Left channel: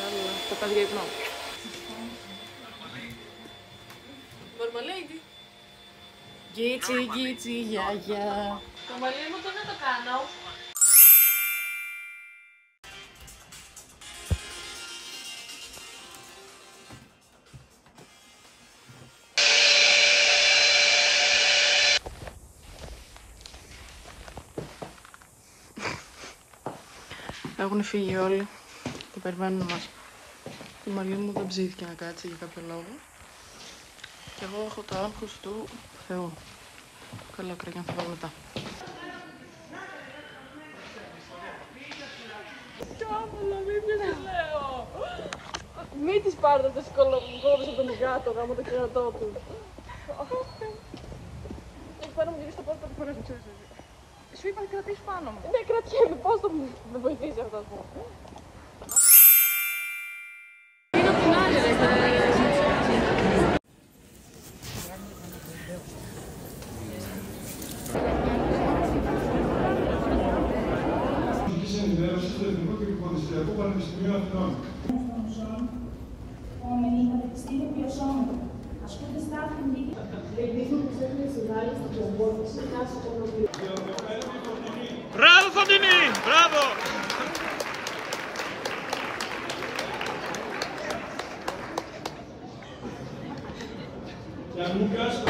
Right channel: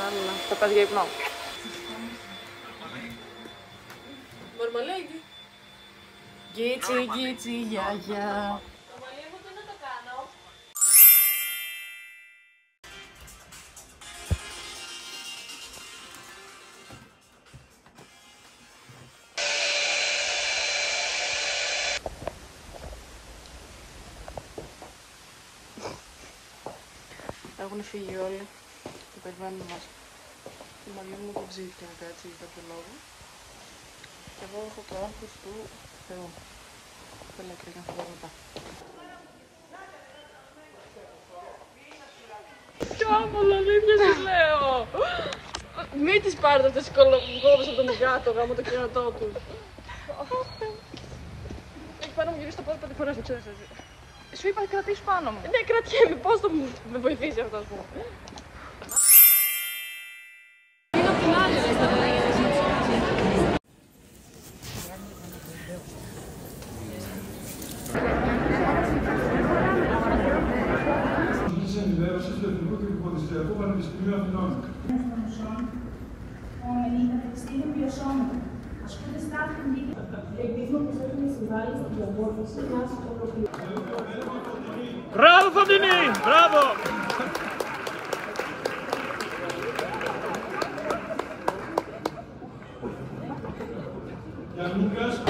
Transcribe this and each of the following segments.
Λάλα. Θα πας για ύπνο. Μαρμαλέιδι. Γκίτσι, γκίτσι, γιαγιά. Το μαλλί μου δεν θα το κάνω. Έχουν φύγει όλοι. Το περιμένουν μας. Η Μαρία μου δεν ψήθηκε να κάτσει για κάποιο λόγο. Και εγώ έχω το άγχος του Θεού. Καλά, κραγιά, θα πάω μετά. Κάμολα, αλήθεια σου λέω. Μην τις πάρετε αυτές οι κολοκόδες από τον γάτο, γάμο το κερατό τους. Έχει πάνω μου γυρίσει το πόδι 5 φορές, μην ξέρεις εσύ. Σου είπα κρατήσεις πάνω μου. Ναι, κρατιέμαι, πώς θα με βοηθήσει αυτό, ας πούμε. Του Πανεπιστημίου Αθηνών. Μπράβο Φωτεινή! Μπράβο! Γιαννούκας.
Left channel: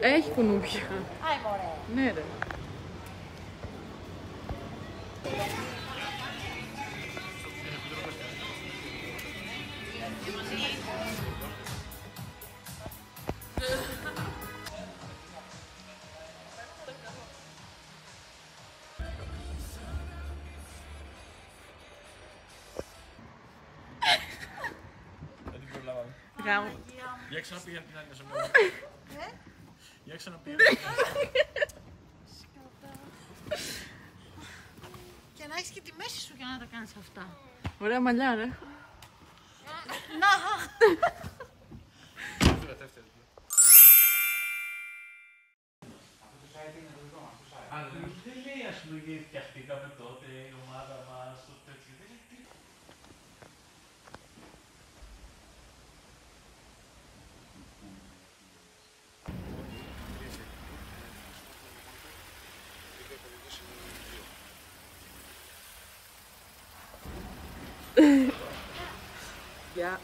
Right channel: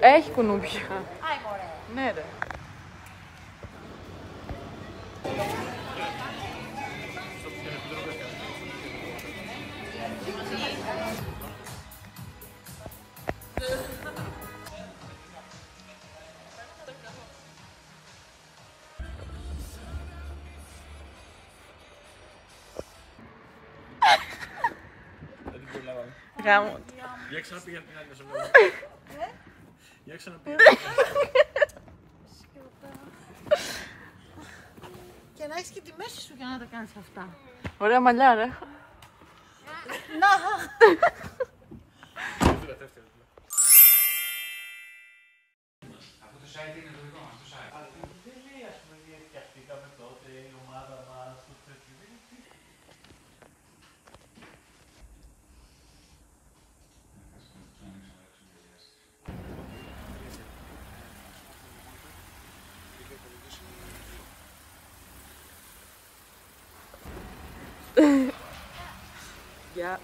Έχει κουνούπια. Ναι ρε. Γάμο. Για ξαναπήγαινε την άλλη ζωμένη. Για ξαναπήγαινε. Και να έχεις και τη μέση σου για να τα κάνεις αυτά. Ωραία μαλλιά ρε. Να! Γεια.